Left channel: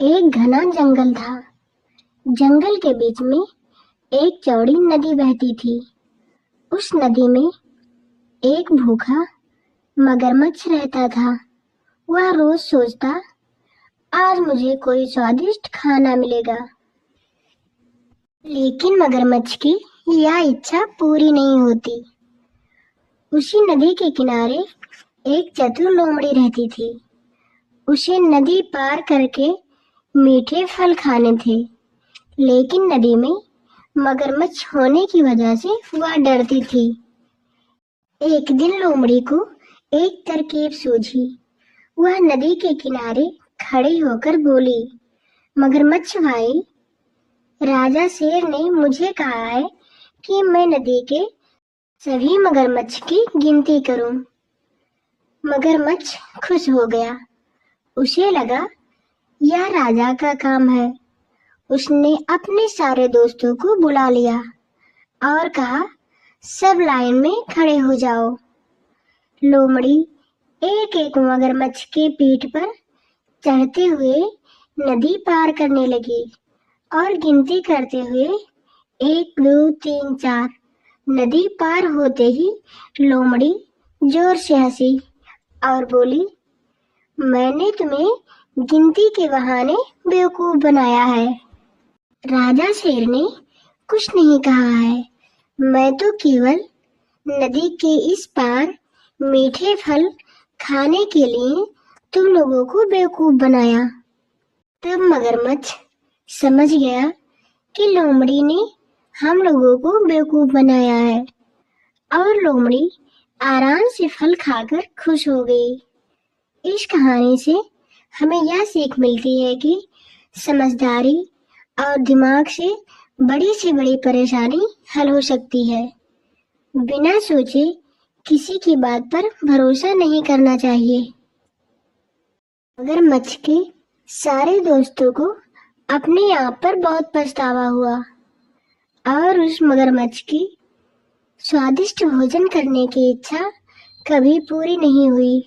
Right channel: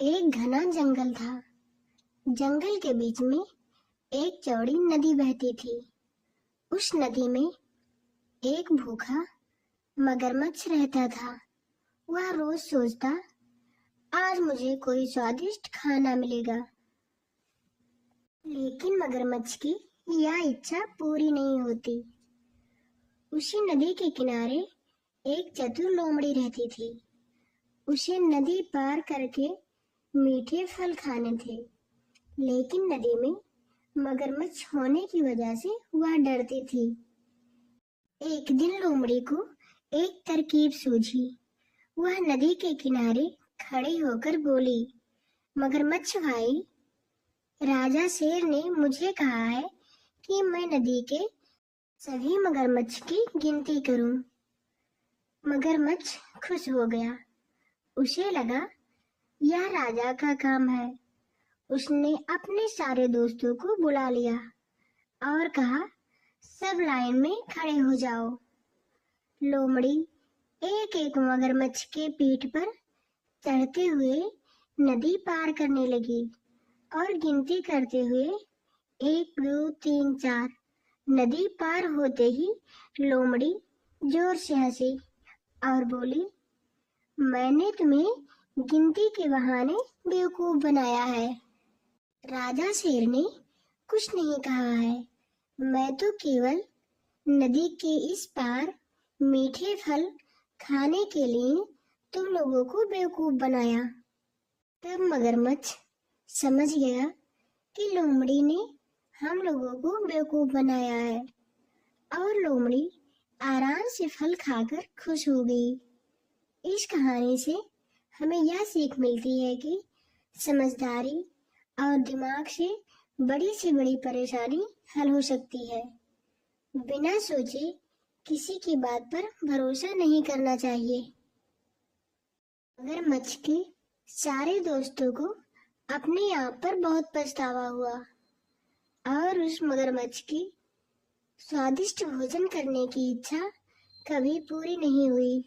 एक घना जंगल था। जंगल के बीच में एक चौड़ी नदी बहती थी। उस नदी में एक भूखा मगरमच्छ रहता था। वह रोज सोचता, आज मुझे कोई स्वादिष्ट खाना मिलेगा। लेकिन मगरमच्छ की यह इच्छा पूरी नहीं होती। उसी नदी के किनारे एक चतुर लोमड़ी रहती थी। उसे नदी पार करके मीठे फल खाने थे, लेकिन नदी में मगरमच्छ होने की वजह से वह डरती थी। एक दिन लोमड़ी को एक तरकीब सूझी। वह नदी के किनारे खड़ी होकर बोली, मगरमच्छ भाई, राजा शेर ने मुझे कहा है कि मैं नदी के सभी मगरमच्छ की गिनती करूं। मगरमच्छ खुश हो गया। उसे लगा यह राजा का काम है। उसने अपने सारे दोस्तों को बुला लिया और कहा, सब लाइन में खड़े हो जाओ। लोमड़ी एक एक मगरमच्छ के पीठ पर चढ़ते हुए नदी पार करने लगी और गिनती करते हुए 1 2 3 4। नदी पार होते ही लोमड़ी जोर से हंसी और बोली, मैंने तुम्हें गिनती के बहाने बेवकूफ बनाया है। राजा शेर ने कुछ नहीं कहा है। मैं तो केवल नदी के इस पार मीठे फल खाने के लिए तुम लोगों को बेवकूफ बनाया। तब मगरमच्छ समझ गया कि लोमड़ी ने हम लोगों को बेवकूफ बनाया है और लोमड़ी आराम से फल खाकर खुश हो गई। इस कहानी से हमें यह सीख मिलती है कि समझदारी और दिमाग से बड़ी परेशानी हल हो सकती है। बिना सोचे किसी की बात पर भरोसा नहीं करना चाहिए। मगरमच्छ के सारे दोस्तों को अपने आप पर बहुत पछतावा हुआ और उस मगरमच्छ की स्वादिष्ट भोजन करने की इच्छा कभी पूरी नहीं हुई।